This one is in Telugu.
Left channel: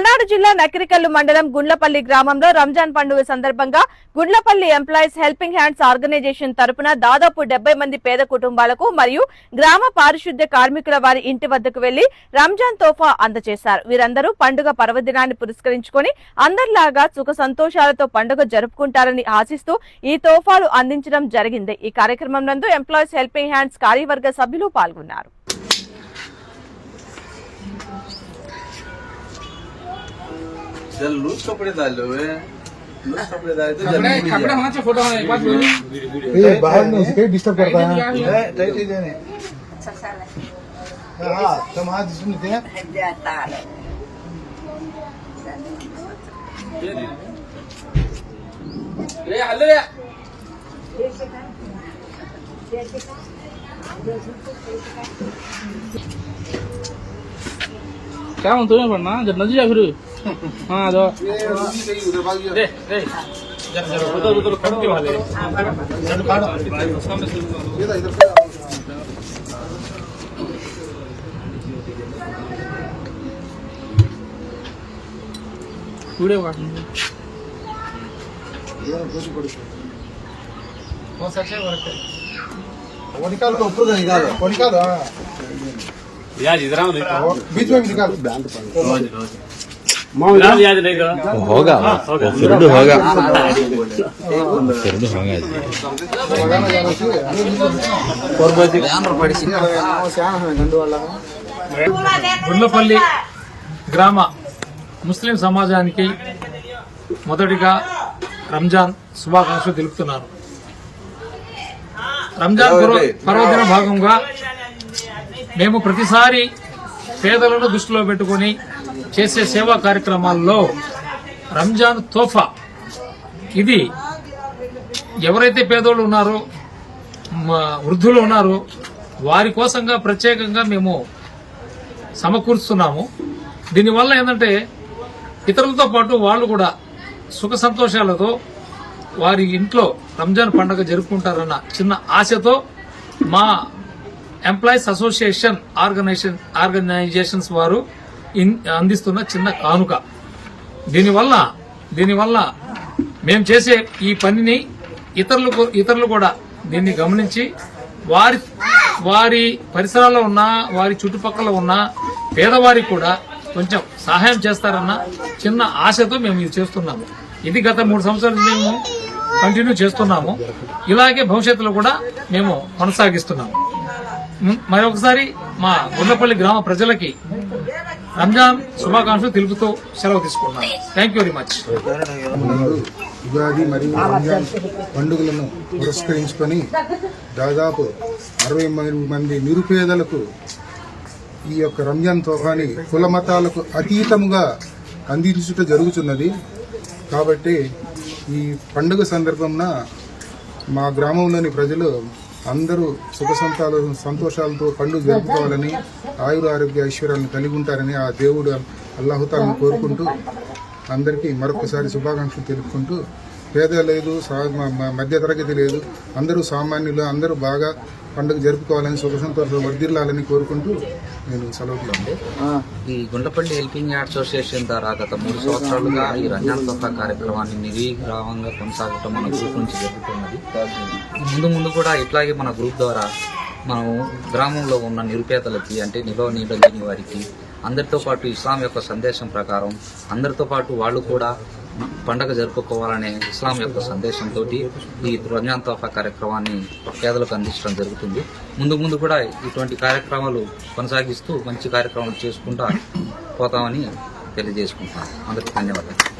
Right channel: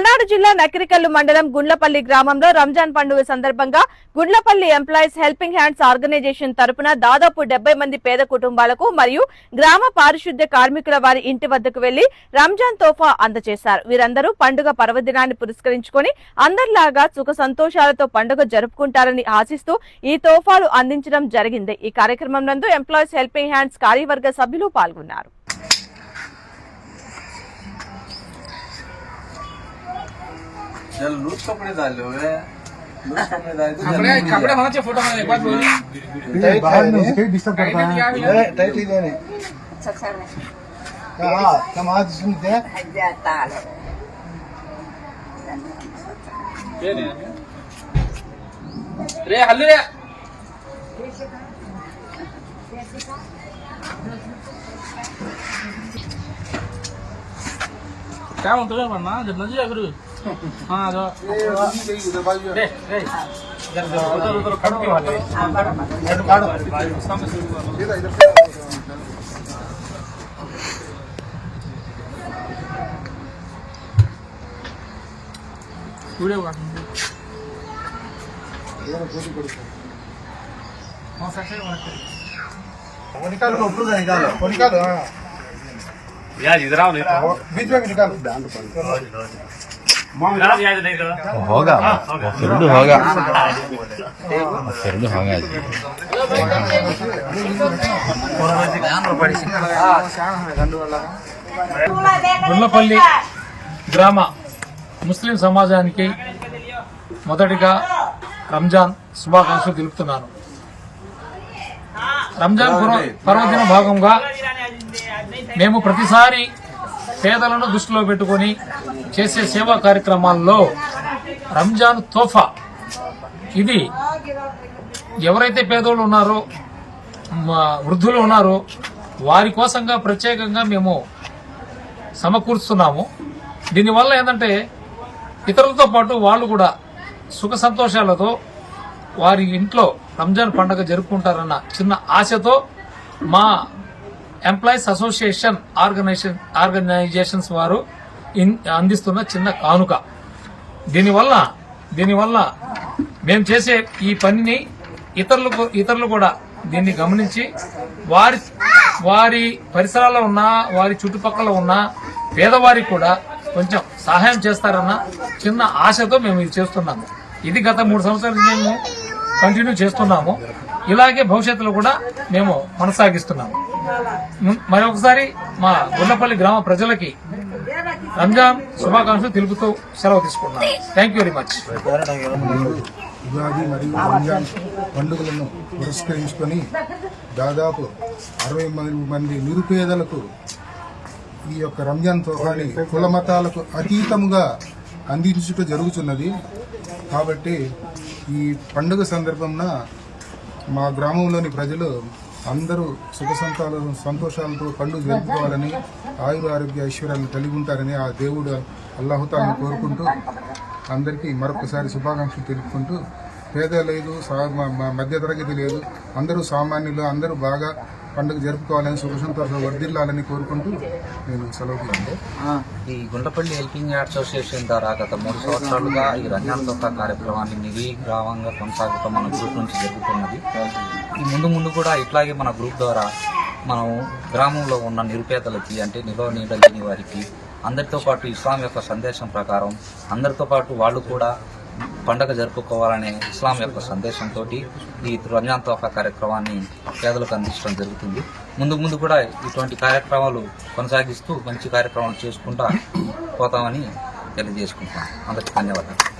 పల్నాడు జిల్లా నకిరికల్లు మండలం గుండ్లపల్లి గ్రామంలో రంజాన్ పండుగ సందర్భంగా Gundlapalli employees helping hands organisation తరపున దాదాపు డెబ్బై మంది పేద కుటుంబాలకు మరియు గ్రామ పారిశుద్ధ్య కార్మికుల వారి ఇంటి వద్దకు వెళ్ళి రంజాన్ తోఫా అందజేశారు. వీరందరూ పండుగ పర్వదినాన్ని పురస్కరించుకొని అందరిలాగా సుఖ సంతోషాలతో పండుగ జరుపుకుంటారని ఆశిస్తూ ఈ తోఫాలు అందించడం జరిగింది. ఈ కార్యక్రమం నందు ఎంప్లాయీస్ హెల్పింగ్ హ్యాండ్స్ కార్యవర్గ సభ్యులు పాల్గొన్నారు. चल लूज कपड़े डालो वे लूज कपड़े डाले तो कपड़े जल्दी कपड़े होना चाहिए फ़ोटो एक बात बोलिए ये बाहर में उसे डिस्टर्ब करता है। टाइट ही देने हाँ तुम आज इसमें क्या? रे हल्ले रे। क्या म्हणतो मी पण ना जर नदी जा फिर हाँ जो रे रे जरा जरा उधर उधर खड़ के वाले सामने से वीडियो काटूंगा कौन सा चाहिए वर्क वो निकाल को ऊपर से निकालो वो निकाल हाँ यार इधर आओ देखो बीच में भी निकाल याद नहीं करो वो होगा वो वो फिर भी होगा वो फिर भी होगा जी గుండ్లపల్లి గ్రామ ముస్లిం సమాజానికి మొదటిగా రంజాన్ శుభాకాంక్షలు తెలుపుతున్నాను రంజాన్ పర్వ- పర్వదిన భాగంగా మేము ప్రతిసారి పేదలను దృష్టిలో పెట్టుకొని చేసే సేవా కార్యక్రమాల్లో రంజాన్ తోఫా. ఇది ఎవరైతే పేదోళ్ళు ఉన్నారో మా వృద్ధులు ఉన్నారో వారి కోసంగా ప్రత్యేకంగా మేము సమకూరుస్తున్నాము. దీనివల్ల ఏంటంటే ఇతరులతో పాటు వాళ్ళు కూడా సుఖ సంతోషాలతో వారి ఇంట్లో రంజాన్ పండుగ జరుపుకుంటారన్న చిన్న ఆశతో మా ఎంప్లాయీస్ అసోసియేషన్ ఆర్గనైజేషన్ ఆర్గనైజేషన్స్ వారు అందిస్తున్న చిన్న కానుక. దీనివల్ల దీనివల్ల మేము చేసే ఈ పనిని ఇతరులకు ఇతరులు కూడా దీన్ని గమనించి వారి వారి పరిసరాల్లో ఉన్న వారి చుట్టుపక్కల ఉన్న పేదవారికి కూడా కొంచెం సహాయం చేస్తారన్న చిన్న ఆశతో మేము ఇది చేస్తున్నాము. ఇది గత మూడు సంవత్సరాలు మేము కంటిన్యూ చేస్తున్నాము. ఇలాగే భవిష్యత్తులో కూడా మేము కొనసాగిస్తున్నాము. మరొకసారి మా గుండపల్లి గ్రామ ప్రజలకి రంజాన్ శుభాకాంక్షలు తెలుపుతూ సెలవు తీసుకున్నాను thank you very much Ugadi మరియు రంజాన్ పండుగలను పురస్కరించుకొని దాదాపు అరవై మంది నిరుపేదలకు ఈ యొక్క రంజాన్ తోఫాని కుల మతాలకు అతీతముగా అందించుట జరుగుతున్నది. కాబట్టి ఈ పండుగ సందర్భంన మా గ్రామంలోని ప్రజలు అందరూ సుఖ సంతాలు సంతోషాలతో పండుగ జరుపుకోవాలని ఆయుర ఆరోగ్య ఐశ్వర్యాలను కలిగి ఉంటారని ఆ దేవుడు అల్లాహుతాలను కోరుకుంటూ అందరికీ మరొకసారి శుభాకాంక్షలు తెలుపుకుంటూ పేద లేదు మధ్యతరగతి లేదు. అందరూ సామాన్యులు అందరూ బాగా పండుగ జరుపుకోవాలని సుఖ వర్ధిల్లాలని కోరుకుంటూ నేను సెలవు ఈ గుండ్లపల్లి హెల్పింగ్ యాడ్ అసోసియేషన్ ద్వారా గత మూడు సంవత్సరాలుగా ఈ రంజాన్ కార్యక్రమాన్ని నిర్విగ్రామంగా కొనసాగటం మన గ్రూప్ నుంచి జరుగుతున్నది. ముందు ముందు కూడా ఇట్లాగే మన గ్రూప్ ద్వారా మనం గ్రామంలో ఉన్న నిరుపేదలకి అంటే నిలవ నీడ లేని వారికి అందరితో పాటు ఇస్లాం యొక్క సందేశం ప్రకారం అందరితో పాటు వాళ్ళు కూడా పండగ జరుపుకోవాలనే ఇస్లాం యొక్క సందేశంతో ఈ రంజాన్ తోఫా కార్యక్రమాన్ని పేదలకు అందించడం జరుగుతుంది. ముందు ముందు కూడా ఇటువంటి కార్యక్రమాలు కొనసాగిస్తూ మంచి కార్యక్రమాలు చేసుకుంటా పోతామని తెలియజేసుకుంటాం అందరికీ ధన్యవాదాలు.